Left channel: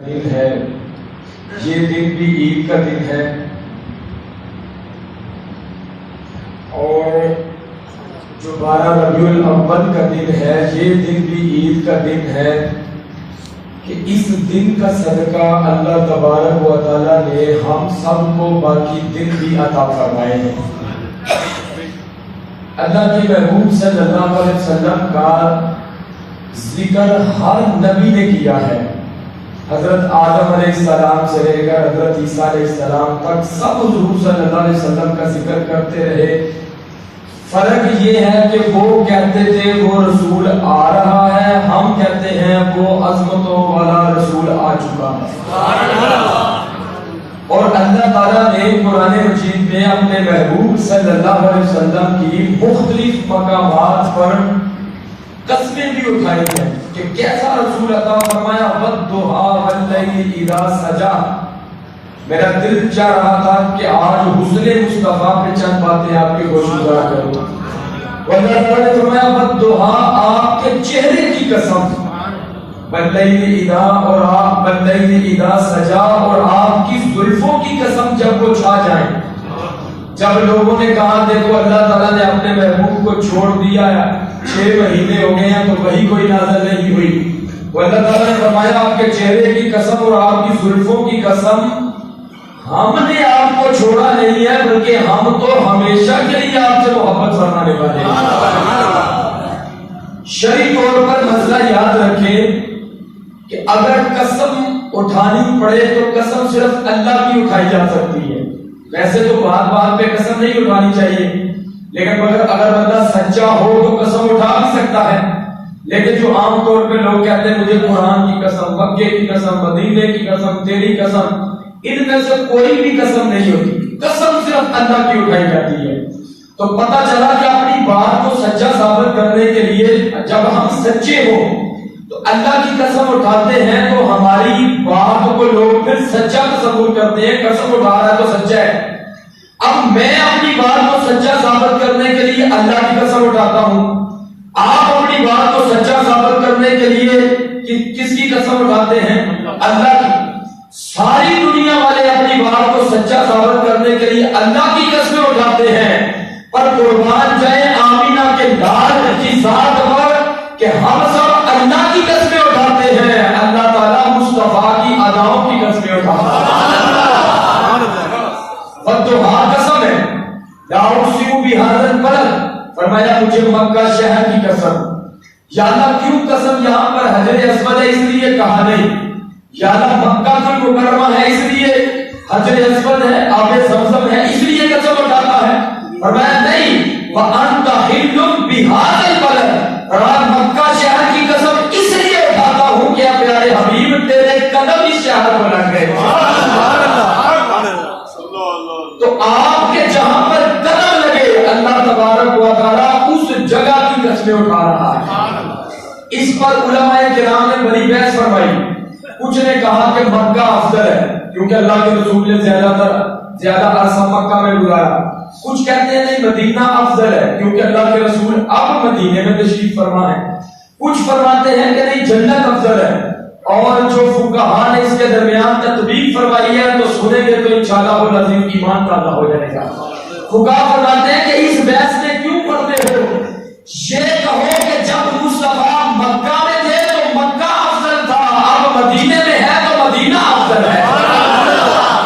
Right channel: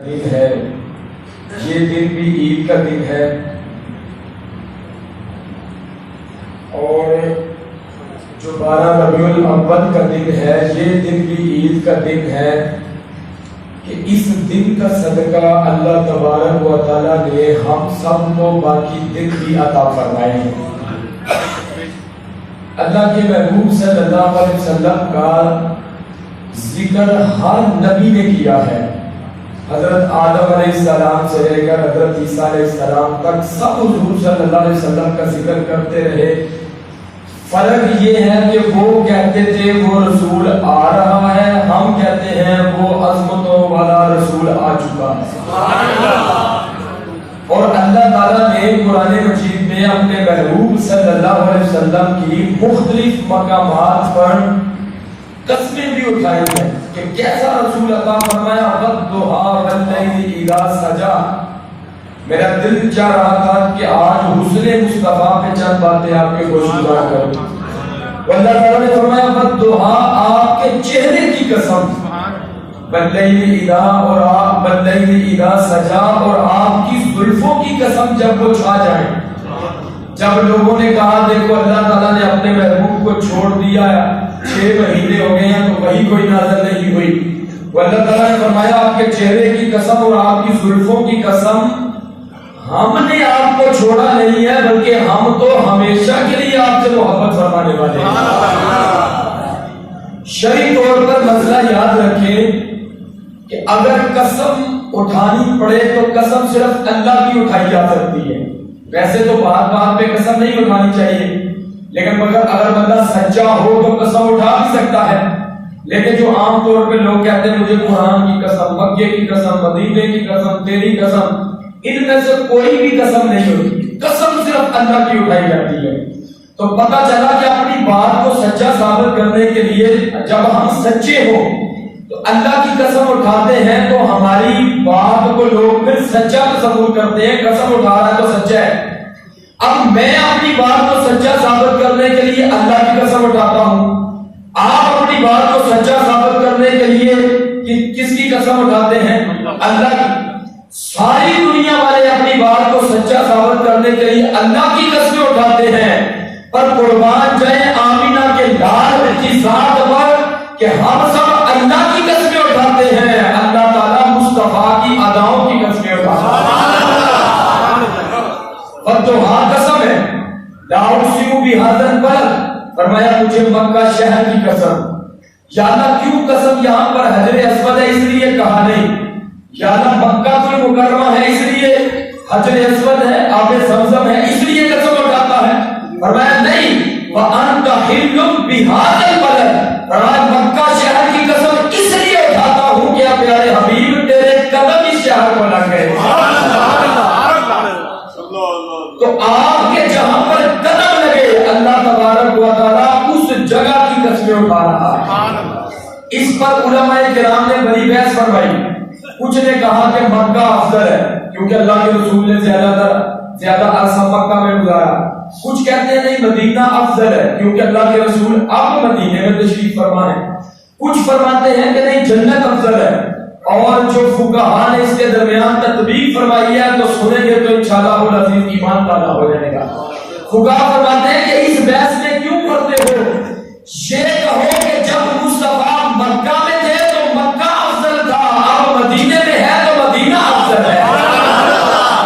دن ہے، یہ دن بھی عید کا دن ہے، اور جو 12 ربیع الاول کا دن ہے یہ دن بھی عید کا دن ہے کہ اس دن کا صدقہ اللہ تبارک و تعالیٰ نے ہم سب کو باقی دن بھی عطا فرمائے ہیں۔ اللہ کے محبوب صلی اللہ علیہ وسلم کا ذکر ہر نبی نے کیا ہے، حضرت آدم علیہ السلام سے لے کر حضرت عیسیٰ علیہ السلام تک سب حضور صلی اللہ علیہ وسلم کا ذکر کرتے رہے۔ فرق یہ ہے کہ وہ کہتے تھے وہ رسول آ رہا ہے، ہم کہتے ہیں وہ عظمتوں والا رسول آ چکا ہے۔ اور اللہ تعالیٰ نے قرآن مجید میں اپنے محبوب صلی اللہ علیہ وسلم کی مختلف مقامات پر قسمیں بھی اٹھائی ہیں کہ کیسا رسول عطا فرمایا، والضحیٰ واللیل اذا سجا۔ میرا دل چاہ رہا تھا کہ آج حسن مصطفیٰ پہ چند باتیں آپ کے گوشگزار کروں۔ اللہ تعالیٰ نے فرمایا والضحیٰ، آپ کے چہرے کی قسم، واللیل اذا، اور آپ واللیل اذا سجا، اور آپ کی زلفوں کی قسم جب وہ چھا جائیں۔ جب لوگوں نے کہا دیکھو اللہ تعالیٰ نے اپنے محبوب کو چھوڑ دیا، 6 مہینے ہو گئے ہیں تو وہی کوئی نازل نہیں ہوئی، وہ اللہ تعالیٰ نے فرمایا آپ کے چہرے کی قسم اور آپ کی زلفوں کی قسم، ہم نے آپ کو چھوڑا نہیں ہے بلکہ ہم تو ہمیشہ کے لیے آپ سے محبت فرمانے والے ہیں۔ شرعی طور پر مسئلہ یاد رکھیں کہ اگر قسم اٹھانی پڑے تو قسم صرف اللہ کی اٹھائی جا سکتی ہے۔ ویسے تو بات بات پہ قسم نہیں اٹھانی چاہیے، لیکن اگر بندہ سچا ہو تو قسم اٹھا بھی سکتا ہے۔ لیکن جو عام طور پہ لوگ کہتے ہیں مجھے قرآن کی قسم، مکے کی قسم، مدینے کی قسم، تیری قسم، ان میں سے کوئی بھی قسم نہیں ہوتی، قسم صرف اللہ کی اٹھائی جاتی ہے۔ تو پتہ چلا کہ اپنی بات کو سچا ثابت کرنے کے لیے جب ہم سچے ہوں تو اللہ کی قسم اٹھاتے ہیں تو ہماری بات کو لوگ پھر سچا تصور کرتے ہیں، قسم اٹھا رہا ہے تو سچا ہے۔ اب میں اپنی بات کو سچا ثابت کرنے کے لیے اللہ کی قسم اٹھاتا ہوں، آپ اپنی بات کو سچا ثابت کرنے کے لیے کس کی قسم اٹھاتے ہیں؟ اللہ کی۔ ساری دنیا والے اپنی بات کو سچا ثابت کرنے کے لیے اللہ کی قسمیں اٹھاتے ہیں، پر قربان جائیں آمینہ کے لال کی ذات پر کہ ہم سب اللہ کی قسمیں اٹھاتے ہیں، اللہ تعالیٰ مصطفیٰ کی اداؤں کی قسمیں اٹھاتا ہے۔ والضحیٰ قسم ہے، لا اقسم بہذا البلد، فرمایا مجھے مکہ شہر کی قسم۔ یا اللہ کیوں قسم یہاں پر حجر اسود ہے اس لیے کہا نہیں، یا اللہ مکہ المکرمہ ہے اس لیے، حجر اسود ہے، آب زمزم ہے اس لیے قسم اٹھاتا ہے؟ فرمایا نہیں، وَأَنْتَ حِلٌّ بِهَذَا الْبَلَدِ، اور مکہ شہر کی قسم اس لیے اٹھاتا ہوں کہ پیارے حبیب تیرے قدم اس شہر کو لگ گئے۔ تو آپ کے جہاں پر قدم لگے اللہ تبارک و تعالیٰ اس جگہ کی قسمیں اٹھا رہا ہے۔ اس پر علماء کرام نے بڑی بحث فرمائی۔ کچھ نے کہا کہ مکہ افضل ہے کیونکہ اللہ کے رسول نے زیادہ عرصہ مکہ میں گزارا۔ کچھ کہتے ہیں نہیں مدینہ افضل ہے کیونکہ اللہ کے رسول اب مدینے میں تشریف فرما ہے۔ کچھ فرماتے ہیں کہ نہیں جنت افضل ہے، اور جو فقہاء نے اس کے درمیان تطبیق فرمائی ہے تو سنیں گے تو انشاءاللہ العزیز ایمان تازہ ہو جائے گا۔ فقہاء فرماتے ہیں کہ اس بحث میں کیوں پڑھتے ہو؟ یہ کہو کہ جب مصطفیٰ مکہ میں تھے تو مکہ افضل تھا، اب مدینے میں ہے تو مدینہ افضل ہے۔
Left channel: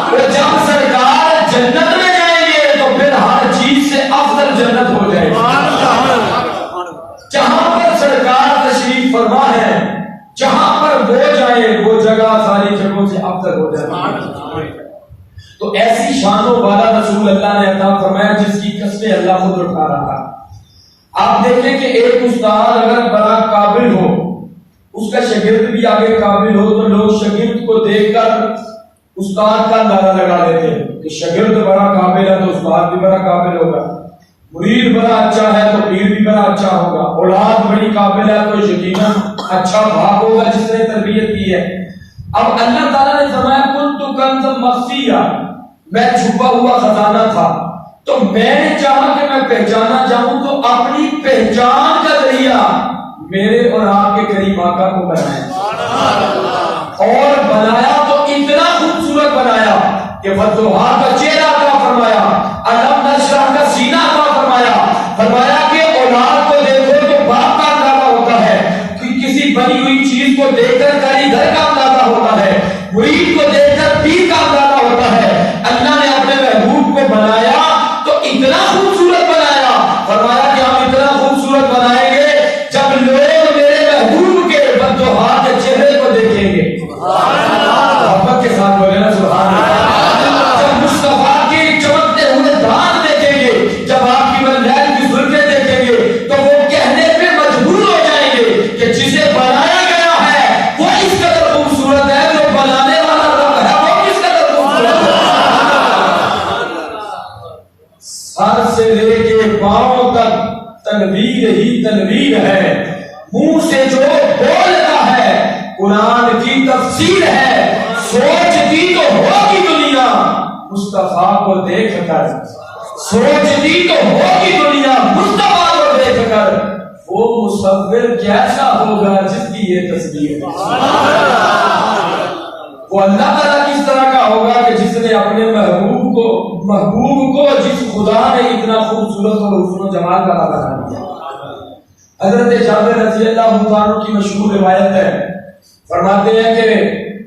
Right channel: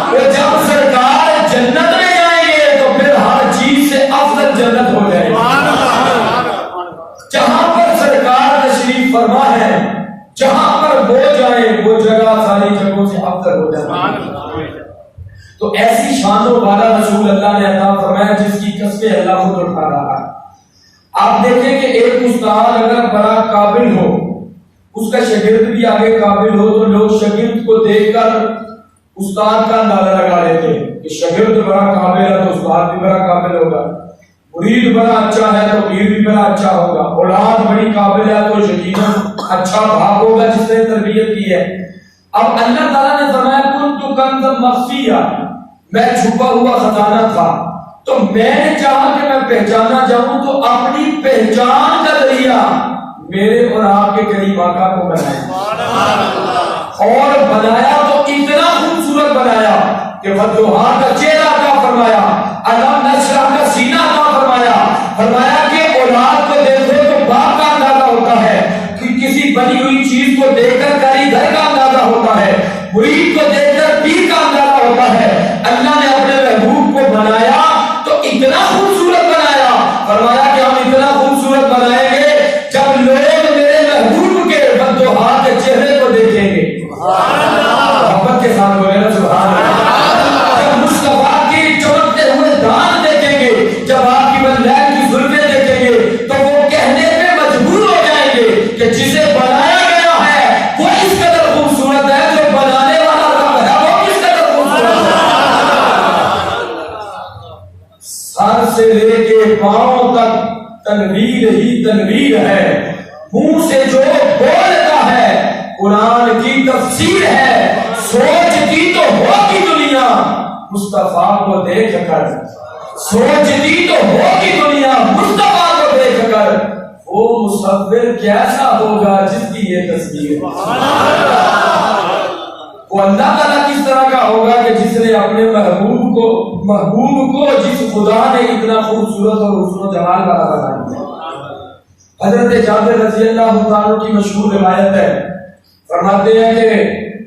اور جب سرکار جنت میں جائیں گے تو پھر ہر چیز سے افضل جنت ہو جائے گی۔ جہاں پر سرکار تشریف فرما ہے، جہاں پر وہ جائے وہ جگہ ساری جگہوں سے افضل ہو جائے۔ تو ایسی شان و بالا رسول اللہ نے عطا فرمایا جس کی قسمیں اللہ خود اٹھا رہا ہے۔ آپ دیکھیں کہ ایک استاد اگر بڑا قابل ہو، اس کا شاگرد بھی آگے قابل ہو تو لوگ شاگرد کو دیکھ کر استاد کا اندازہ لگا لیتے ہیں کہ شاگرد بڑا قابل ہے تو استاد بھی بڑا قابل ہوگا، مرید بڑا اچھا ہے تو پیر بھی بڑا اچھا ہوگا، اولاد بڑی قابل ہے تو یقیناً اچھا باپ ہوگا جس نے تربیت کی ہے۔ اب اللہ تعالیٰ نے فرمایا کنت کنزا مخفیا، میں چھپا ہوا خزانہ تھا، تو میں نے چاہا کہ میں پہچانا جاؤں تو اپنی پہچان کا ذریعہ میرے اور آپ کے قریب آقا کو بنائیں، اور بنایا تو اتنا خوبصورت بنایا کہ فتوحا کا چہرہ عطا فرمایا، علم نشرح کا سینہ عطا فرمایا، فرمایا کہ اولاد کو دیکھو تو باپ کا اندازہ ہوتا ہے، کسی بنی ہوئی چیز کو دیکھ کر کاریگر کا اندازہ ہوتا ہے، مرید کو دیکھ کر پیر کا اندازہ ہوتا ہے۔ اللہ نے اپنے محبوب کو بنایا تو اتنا خوبصورت بنایا، فرمایا کہ ہم اتنا خوبصورت بنائیں گے جب لوگ میرے محبوب کے فتوحا کے چہرے کو دیکھیں گے، محبت کے ساتھ بولے نا سبحان اللہ، جب مصطفیٰ کی چمکتے ہوئے دانت دیکھیں گے، جب آپ کی بلال کی زلفیں دیکھیں گے تو وہ کہنے پہ مجبور ہو جائیں گے کہ جسے بنایا گیا ہے وہ اس قدر خوبصورت ہے، جو بنانے والا رب ہے وہ کس قدر خوبصورت ہے۔ سر سے لے کے پاؤں تک تنویر ہی تنویر ہے، منہ سے جو بولتا ہے قرآن کی تفسیر ہے، سوچتی تو ہوگی دنیا مصطفیٰ کو دیکھ کر، سوچتی تو ہوگی دنیا مصطفیٰ کو دیکھ کر، وہ مصور کیسا ہوگا جس کی یہ تصویر ہے، وہ اللہ تعالیٰ کس طرح کا ہوگا کہ جس نے اپنے محبوب کو جس خدا نے اتنا خوبصورت اور حسن و جمال کا بنا دیا۔ حضرت جابر رضی اللہ عنہ کی مشہور روایت ہے، فرماتے ہیں کہ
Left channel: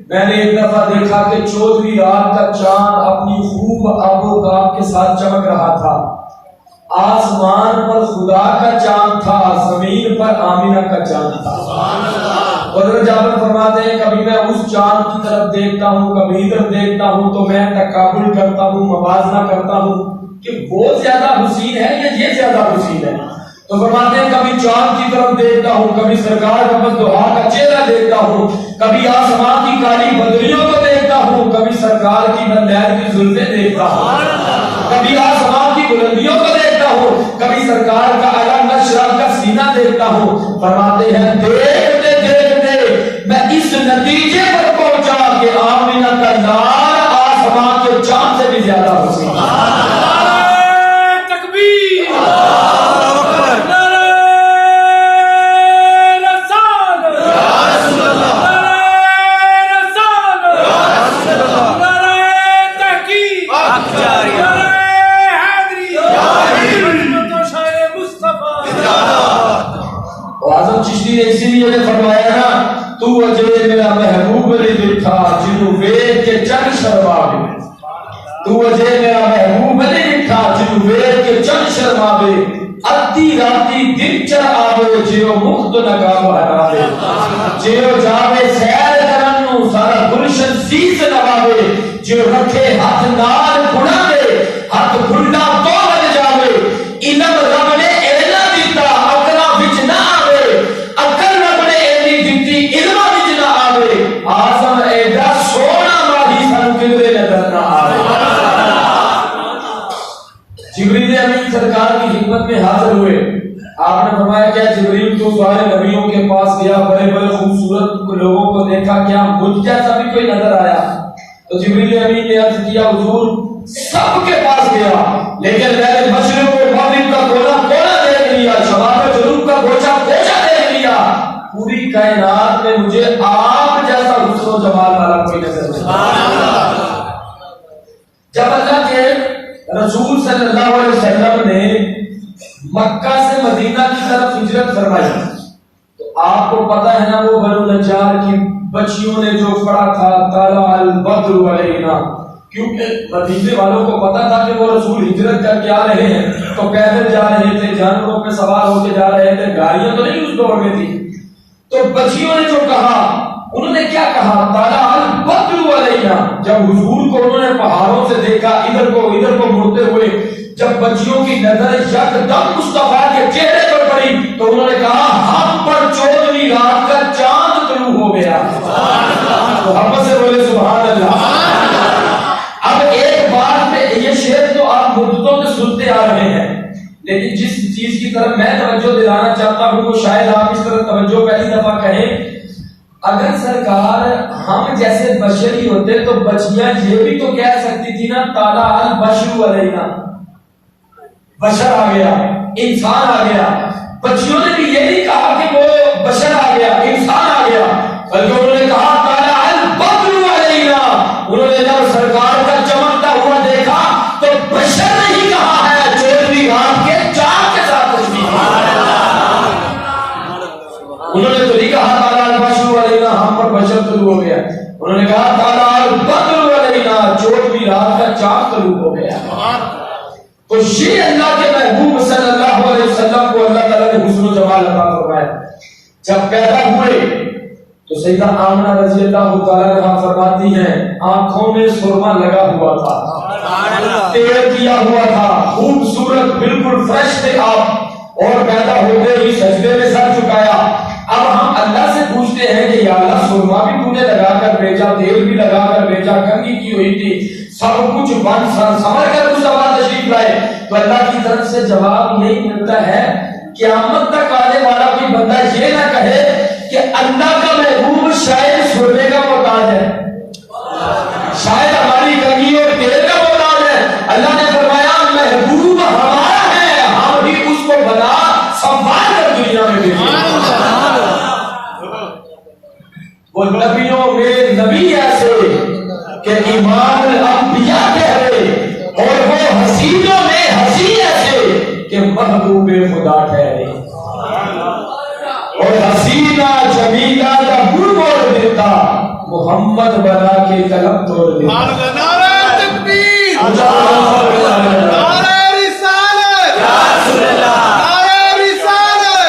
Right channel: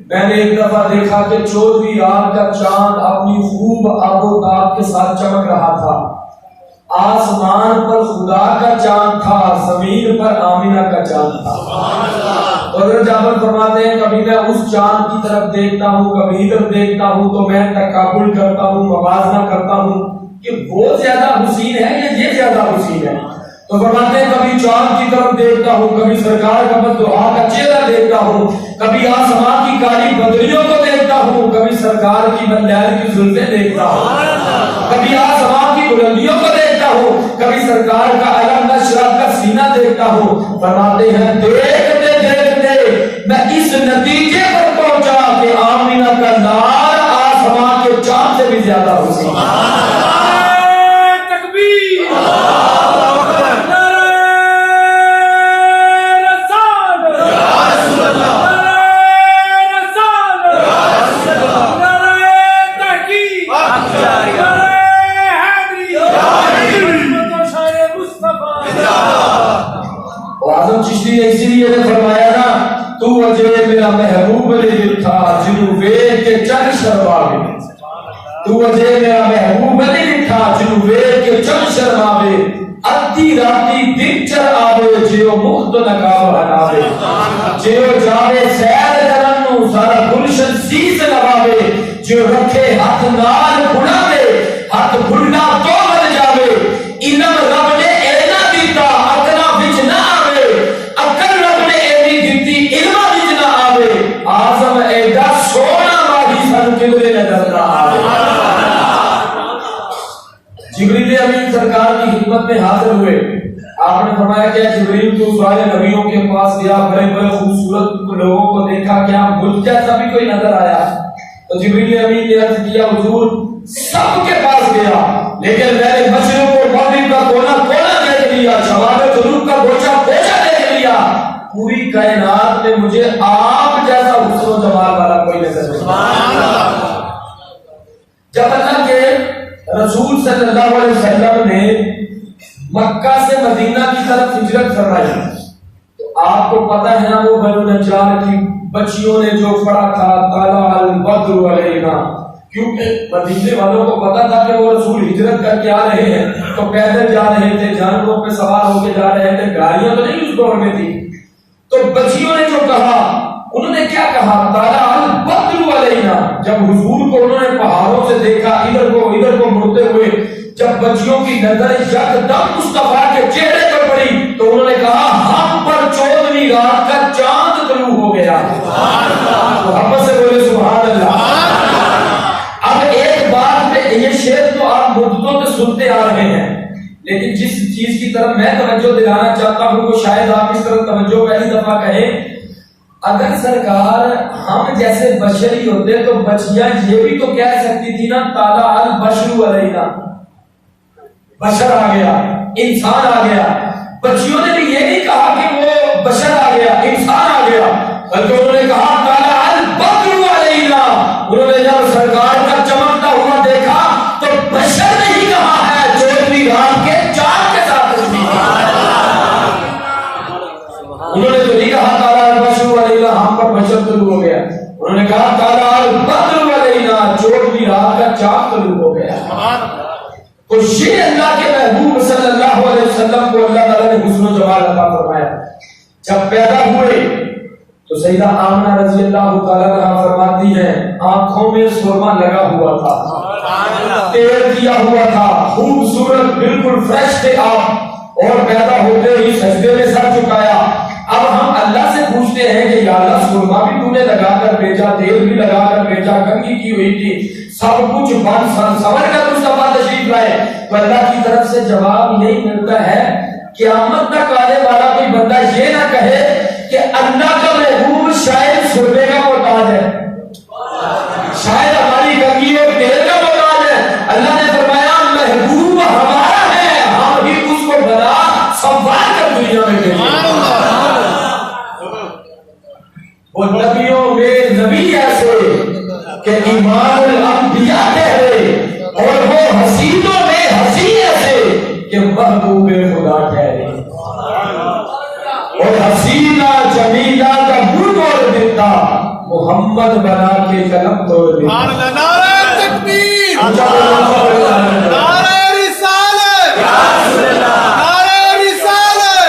میں نے ایک دفعہ دیکھا کہ 14ویں رات کا چاند اپنی خوب آب و تاب کے ساتھ چمک رہا تھا، آسمان پر خدا کا چاند تھا، زمین پر آمینہ کا چاند تھا۔ حضرت جابر فرماتے ہیں کبھی میں اس چاند کی طرف دیکھتا ہوں، کبھی ادھر دیکھتا ہوں تو میں تقابل کرتا ہوں، موازنہ کرتا ہوں کہ وہ زیادہ حسین ہے یا یہ زیادہ حسین ہے۔ تو فرماتے ہیں کبھی چاند کی طرف دیکھتا ہوں، کبھی سرکار کا فتوحا کا چہرہ دیکھتا ہوں، کبھی آسمان کی کالی بدریوں کو دیکھتا ہوں، کبھی سرکار کی بلال کی زلفیں دیکھتا ہوں، کبھی آسمان کی بلندیوں کو دیکھتا ہوں، کبھی سرکار کا علم نشرح کا سینہ دیکھتا ہوں۔ فرماتے ہیں دیکھتے دیکھتے میں اس نتیجے پر پہنچا کہ آمینہ کا لال آسمان کے چاند سے بھی زیادہ حسین ہے۔ چشتی نے اسی لیے فرمایا نا تو اجے میرا محبوب نے لکھا جنوں ویکھ کے چن شرماوے، تو اجے میرا محبوب نے لکھا جنوں ویکھ کے چن شرماوے، ادھی راتی دن چر آوے جیو مخت نقاب ہٹاوے، جیو جاوے سیر کرن نوں سارا گلشن سیس نواوے، جو رکھے ہاتھ نال بناوے ہاتھ بھننا تو بن جاوے، علم رب نے اینا دیتا اکنا وچ نہ آوے، اکل رب نے اینی دیتی علم وچ نہ آوے، آزم ایڈا سونا ماہی سن کدرے نظر نہ آوے۔ جبریل امین سرکار کی خدمت میں حاضر ہوئے، آپ نے فرمایا کہ جبریل تو سارے نبیوں کے پاس گیا، بڑے بڑے خوبصورت لوگوں کو دیکھا، کیا مجھ جیسا بھی کوئی نظر آیا؟ تو جبریل امین نے عرض کیا حضور سب کے پاس گیا لیکن میں نے مشرق و مغرب کا کونا کونا دیکھ لیا، شمال و جنوب کا گوشہ گوشہ دیکھ لیا، پوری کائنات میں مجھے آپ جیسا حسن و جمال والا کوئی نظر نہیں۔ جب اللہ کے رسول صلی اللہ علیہ وسلم نے مکہ سے مدینہ کی طرف ہجرت فرمائی تو آپ کو پتہ ہے نا وہ بنو نجار کی بچیوں نے جو پڑھا تھا طلع البدر علینا، کیونکہ مدینے والوں کو پتا تھا کہ وہ رسول ہجرت کر کے آ رہے ہیں تو پیدل جا رہے تھے، جانوروں پہ سوار ہو کے جا رہے تھے، گاڑیاں تو نہیں اس دور میں تھی۔ تو بچیوں نے جو کہا انہوں نے کیا کہا طلع البدر علینا، جب حضور کو انہوں نے پہاڑوں سے دیکھا ادھر کو مڑتے ہوئے، جب بچیوں کی نظر یکدم مصطفیٰ کے چہرے پر پڑی تو انہوں نے کہا ہم پر 14ویں رات کا چاند طلوع ہو گیا۔ محبت سے بولے سبحان اللہ۔ اب ایک بات یہ شعر تو آپ مدتوں میں سنتے آ رہے ہیں، لیکن جس چیز کی طرف میں توجہ دلانا چاہتا ہوں وہ شاید آپ اس طرح توجہ پہلی دفعہ کہیں، اگر سرکار ہم جیسے بشری ہوتے تو بچیاں یہ بھی تو کہہ سکتی تھی نا طلع البشر علینا، بشر آ گیا، انسان آ گیا۔ بچیوں نے بھی یہ نہیں کہا کہ وہ بشر آ گیا، انسان آ گیا، بلکہ انہوں نے کہا طلع فجر طلوع ہو گیا. انہوں نے کہا طلع البدر علینا, 14ویں رات کا چاند طلوع ہو گیا. تو یہ اللہ کے محبوب صلی اللہ علیہ وسلم کو اللہ تعالیٰ نے حسن و جمال عطا فرمایا. جب پیدا ہوئے تو سیدہ آمنہ رضی اللہ تعالیٰ عنہا فرماتی ہیں آنکھوں میں سرما لگا ہوا تھا, تیل دیا ہوا تھا, خوبصورت بالکل فریش تھے آپ, اور پیدا ہو گئے ہی سجدے میں سر جھکایا. اب ہم اللہ سے پوچھتے ہیں کہ یا اللہ سرما بھی تو نے لگا کر بھیجا, تیل بھی لگا کر بھیجا, کنگھی کی ہوئی تھی, سب کچھ بند سمجھ کر مصطفیٰ تشریف لائے, تو اللہ کی طرف سے جواب یہی ملتا ہے قیامت تک آنے والا کوئی بندہ یہ نہ کہے کہ اللہ کا محبوب شاید سرمے کا محتاج ہے, شاید ہماری کنگھی اور تیل کا محتاج ہے. اللہ نے فرمایا محبوب ہمارا ہے, ہم بھی اس کو بنا سنبھال کر دنیا میں بھیجیں. وہ نبیوں میں نبی ایسے کہ امام الانبیاء ٹھہرے, اور وہ حسینوں میں حسین ایسے کہ محبوب خدا ٹھہرے, اور حسینہ جمیلہ کا منہ توڑ دیتا, محمد بنا کے قلم توڑ دیتا. نعرہ تکبیر, نعرہ رسالت, نعرہ رسالت,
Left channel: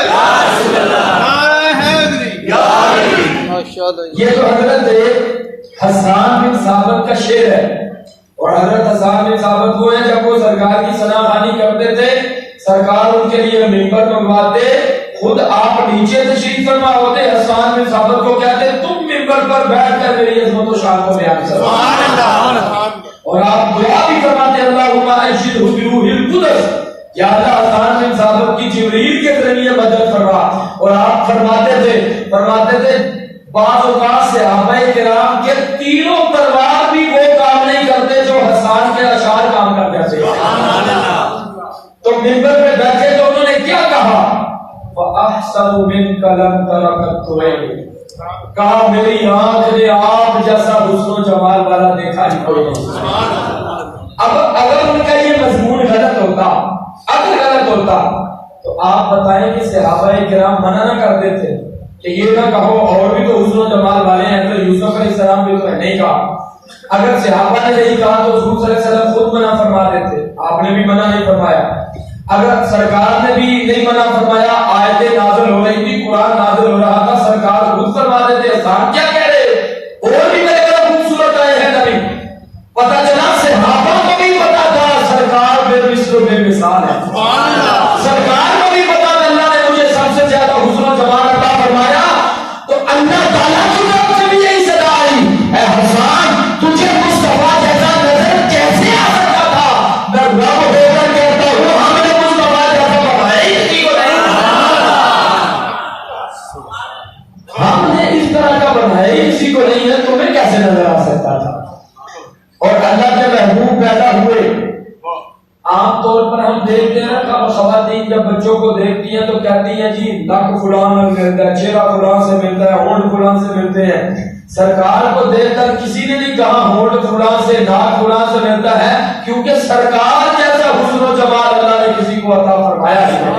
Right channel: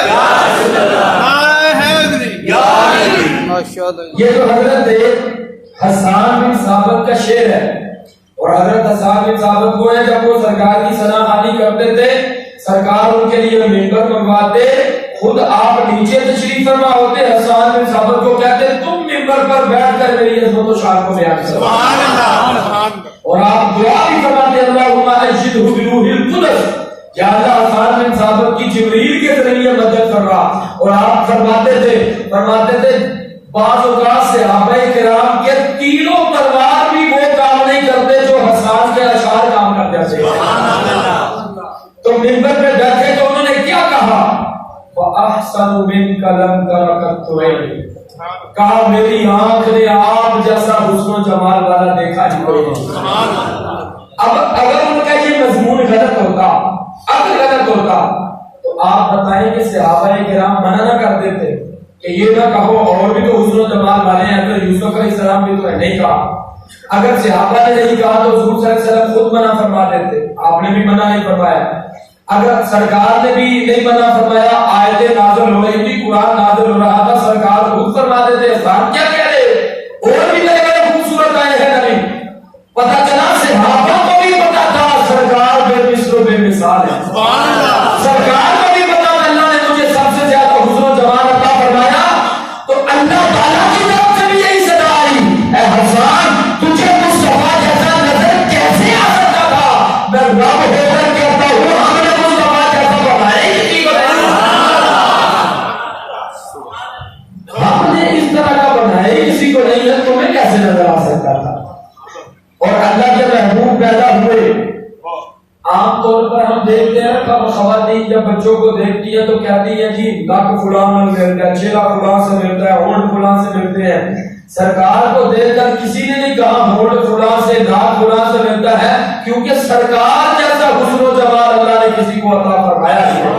نعرہ حیدری. یہ تو حضرت حسان بن ثابت کا شعر ہے, اور حضرت حسان بن ثابت وہ ہیں جب وہ سرکار کی ثنا خوانی کرتے تھے, سرکار ان کے لیے منبر منگواتے, خود آپ نیچے تشریف فرما ہوتے, حسان بن ثابت کو کہتے تم منبر پر بیٹھ کر میری عظمت و شان کو بیان کرو. سبحان اللہ. اور آپ دعا بھی فرماتے اللہم اشہدہ بروح القدس, یا اللہ حسان بن ثابت کی جبریل کے ذریعے مدد فرما. اور آپ فرماتے تھے بعض اوقات صحابہ کرام کے تینوں تلوار بھی وہ کام نہیں کرتے جو حسان کے اشعار کام کر جاتے. تو منبر پہ بیٹھے تو انہوں نے کیا کہا, وَأَحْسَنُ مِنْكَ لَمْ تَرَكَتْ عَيْنِي, کہا میری آنکھ نے آپ جیسا حسن و جمال والا دیکھا ہی کوئی نہیں. اب اگر ان کا یہ مضمون غلط ہوتا, عقل غلط ہوتا, تو آپ بتائیں کہ صحابہ کرام منع نہ کر دیتے کہ یہ نہ کہو, اور بھی تو حسن و جمال والے ہیں, اگر یوسف علیہ السلام بھی تو نہیں کہا. اگر صحابہ نے نہیں کہا تو حضور صلی اللہ علیہ وسلم خود منع فرما دیتے, آپ نے بھی منع نہیں فرمایا. اگر سرکار نے بھی نہیں منع فرمایا, آیتیں نازل ہو رہی تھی, قرآن نازل ہو رہا تھا, سرکار خود فرما دیتے حسان کیا کہہ رہے, اور بھی لگے خوبصورت آئے ہیں نبی. پتہ چلا صحابہ کو بھی پتا تھا سرکار بے مثل و بے مثال ہے. سرکار کو بھی پتا تھا اللہ نے مجھے سب سے زیادہ حسن و جمال عطا فرمایا. تو اللہ تعالیٰ کی طرف سے بھی یہی صدا آئی, اے حسان تجھے مصطفیٰ جیسا نظر کیسے آ سکتا تھا, میں رب ہو کر کہتا ہوں ہم نے مصطفیٰ جیسا بنایا ہی کسی کو نہیں, ہم نے اس طرح کا بنایا ہی کسی کو نہیں ہے, تمہیں کیسے نظر آ سکتا تھا. اور اللہ کے محبوب پیدا ہوئے. عام طور پر ہم دیکھتے ہیں خواتین جب بچوں کو دیکھتی ہیں تو کہتی ہیں جی ناک فلان ملتا ہے, چہرہ فلان سے ملتا ہے, ہونٹ فلان سے ملتے ہیں. سرکار کو دیکھ کر کسی نے نہیں کہا ہونٹ فلان سے, ناک فلان سے ملتا ہے, کیونکہ سرکار جیسا حسن و جمال اللہ نے کسی کو عطا فرمایا نہیں.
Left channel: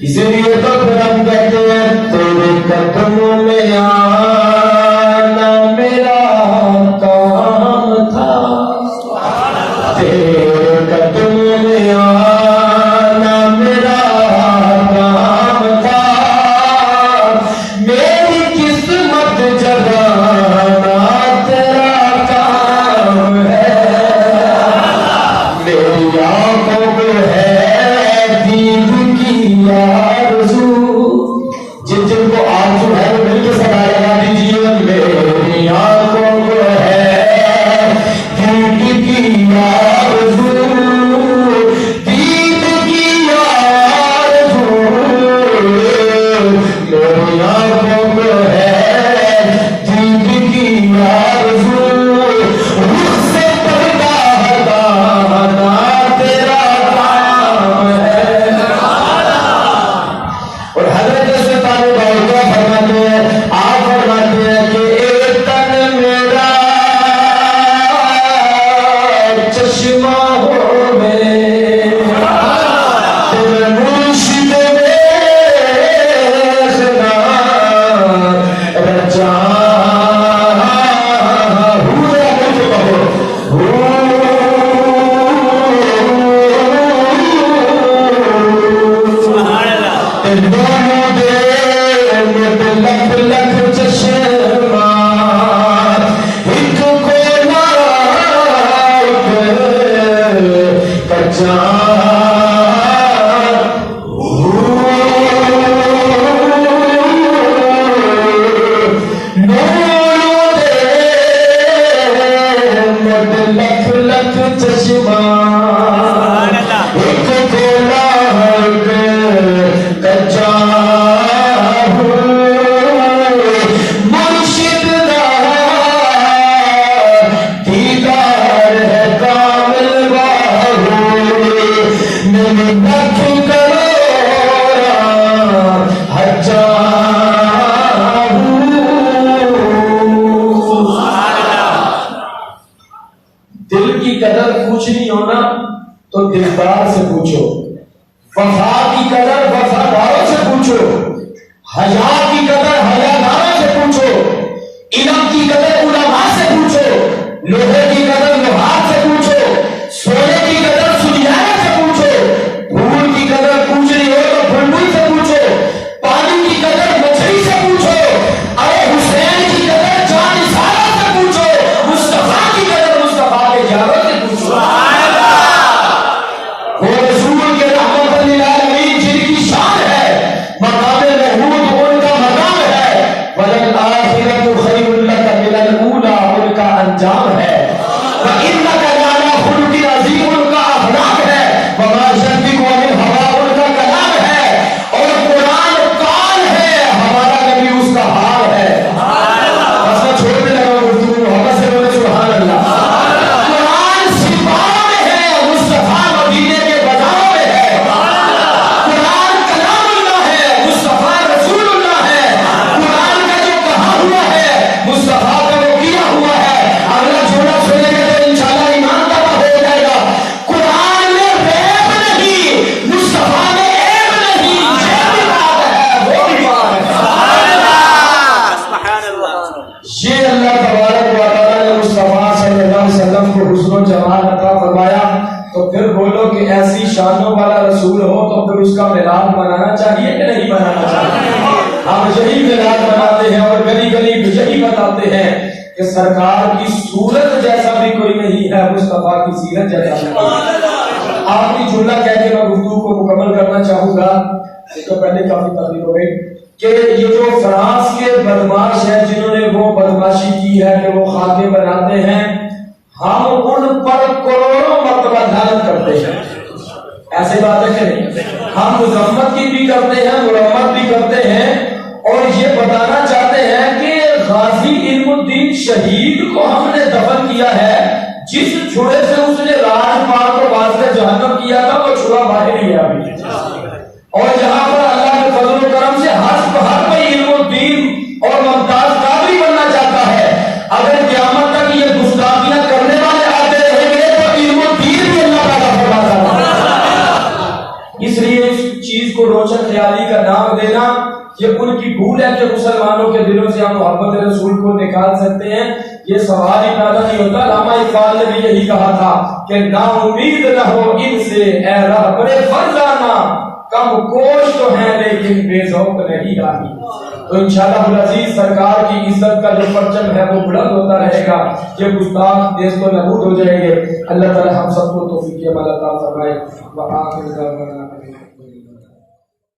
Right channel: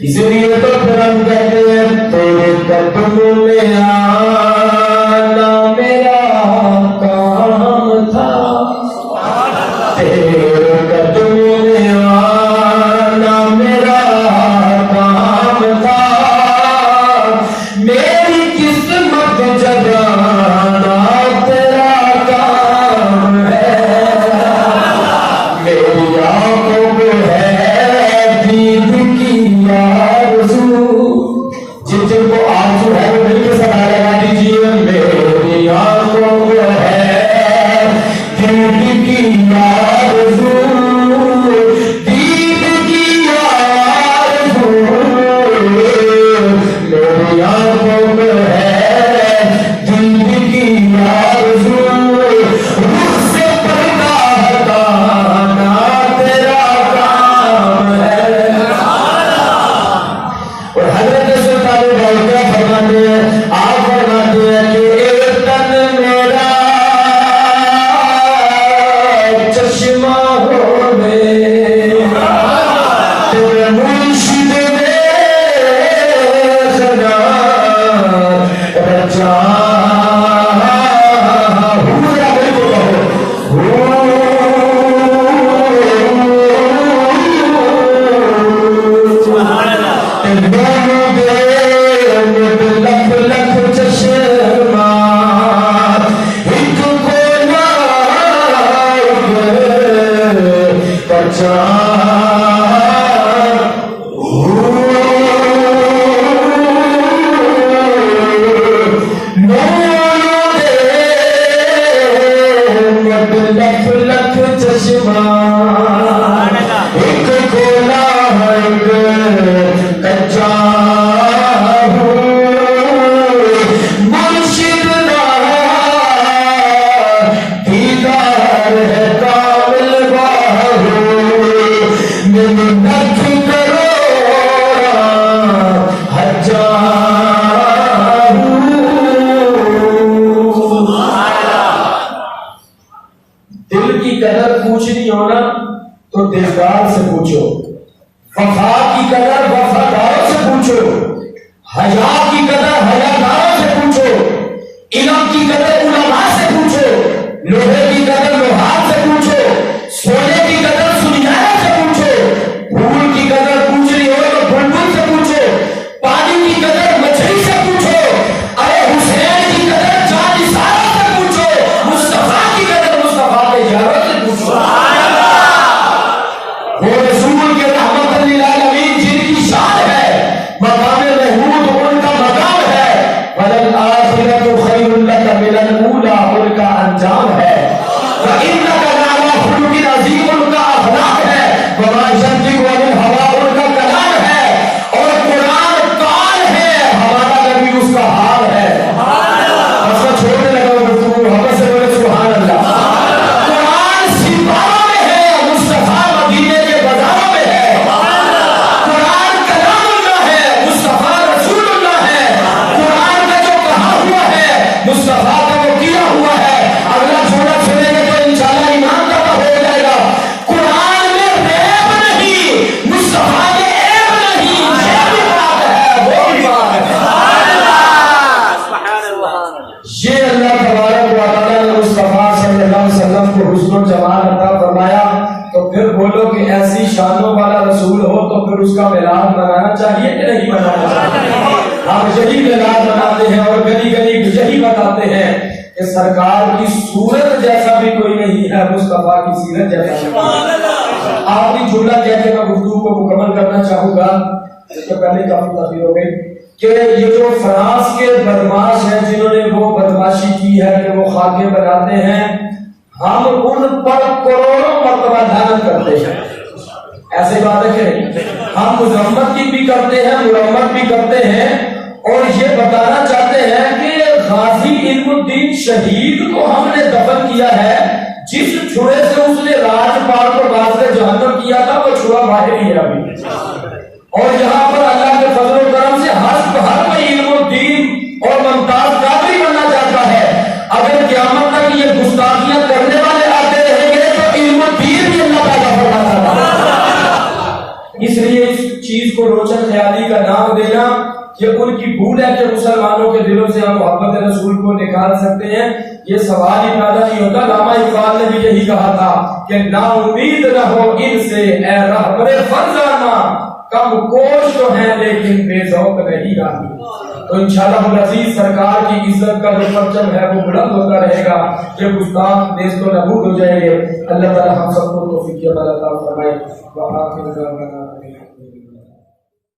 اسی لیے تو پھر ہم کہتے ہیں تیرے قدموں میں آنا میرا کام تھا, تیرے قدموں میں آنا میرا کام تھا, میری قسمت جگانا تیرا کام ہے, میری آنکھوں میں ہے دید کی آرزو, جن جن کو آرزو ہے وہ مل کے صدا لگا دیجیے, میری آنکھوں میں ہے دید کی آرزو, دید کی آرزو, میری آنکھوں میں ہے دید کی آرزو, رخ سے پردہ ہٹانا تیرا کام ہے. اور حضرت سلطان باوقیہ فرماتے ہیں, آپ فرماتے ہیں کہ ایک تن میرا چشمہ ہوے, تیرے مرشد دیکھنا کچھ نہیں ہونا تو دلدار سے پوچھو، وفا کی قدر وفاداروں سے پوچھو، حیا کی قدر حیاداروں سے پوچھو، علم کی قدر علماء سے پوچھو، لوہے کی قدر لوہار سے پوچھو، سونے کی قدر سنیارے سے پوچھو، پھول کی قدر پوچھ رہی ہو تو بلبل سے پوچھو، پانی کی قدر مچھلی سے پوچھو، ارے حسین کی قدر جانثاروں سے پوچھو، مصطفیٰ کی قدر مصطفیٰ کے جاروں سے پوچھو۔ وہ رسول کے رحمت للعالمین جن کی شان ہے، مقام محمود ان کا مقام ہے، وَلَلْآخِرَةُ خَيْرٌ لَكَ مِنَ الْأُولَىٰ ان کا انجام ہے، وَإِنَّكَ لَعَلَىٰ خُلُقٍ عَظِيمٍ ان کا اخلاق ہے، وَمَا يَنطِقُ عَنِ الْهَوَىٰ ان کا کلام ہے، اور قرآن قال ہے، ہمارا نبی اس کا حال ہے۔ بس میں چھوڑنے لگا ہوں گفتگو، محبت سے بولے سبحان اللہ۔ قرآن سپاہوں میں ہے، مصطفیٰ مدینے کے بازاروں میں ہے، قرآن کلام اللہ ہے، مصطفیٰ رسول اللہ ہے، قرآن کا جو کہا ہوا ہے مصطفیٰ کا وہ کیا ہوا ہے۔ اگلا چھوڑا چھوڑیں گے تو انشاءاللہ ایمان کا ہو جائے گا۔ قرآن میں ریب نہیں، مصطفیٰ میں عیب نہیں، یہ بھی بات ہے، وہ بھی بات ہے۔ یہ اللہ تبارک و تعالیٰ نے مصطفیٰ صلی اللہ علیہ وسلم کو حسن و جمال عطا فرمایا، تو پھر بولو کہ ایسی شانوں والا رسول ہو تو پھر اس کا میلاد منانا چاہیے کہ نہیں منانا چاہیے؟ ہم یہی میلاد مناتے ہیں اور گلی گلی یہی بتاتے ہیں کہ سرکار کی صورت جیسا بھی کوئی نہیں ہے، مصطفیٰ کی سیرت جیسا بھی نہیں ہے۔ آخری جملہ کہہ کے میں گفتگو کو مکمل کرنا چاہوں گا، اس سے پہلے کافی تاخیر ہو گئی، کہ یہ جو فرانس کے بدماش ہیں جنہوں نے وہ بدماشی کی ہے کہ وہ خاکے بناتے ہیں، ہم ان پر کروڑوں مرتبہ لعنت کرتے ہیں، ایسے باتیں کہ نہیں، ہم مذمت کی بھی کرتے ہیں، مرمت بھی کرتے ہیں، اور یہ بتانا چاہتے ہیں کہ غازی علم الدین شہید کو ہم نے دفن کیا ہے، جس چھڑے سے اس نے راج پال کو باز جہنم کیا تھا وہ چھڑا باہر ہی ہے ابھی، اور یہاں پر اللہ کے فضل و کرم سے ہر کوئی علم الدین اور ممتاز قادری بننا چاہتا ہے۔ اگر قیامت تک یہ گستاخیاں کرنے والے آتے رہیں گے تو علم الدین بھی اللہ پیدا فرماتا ہے۔ اس لیے اس چیز کو روشن خیالی کا نام دینا یہ ان کی بھول ہے کہ مسلمانوں کے دلوں سے ہم محبت رسول کو نکال سکتے ہیں، یہ سوال ہی پیدا نہیں ہوتا۔ علامہ اقبال نے بھی یہی کہا تھا کہ نا امید نہ ہو ان سے اے رہبر فرزانہ، کم کوش تو ہیں لیکن بے ذوق نہیں راہی۔ تو انشاءاللہ العزیز سرکار کی عزت کا جو پرچم ہے وہ بلند ہوتا رہے گا، یہ گستاخ نیست و نابود ہو جائیں گے۔ اللہ تعالی ہم سب کو توفیق عمل عطا فرمائے۔ وآخر دعوانا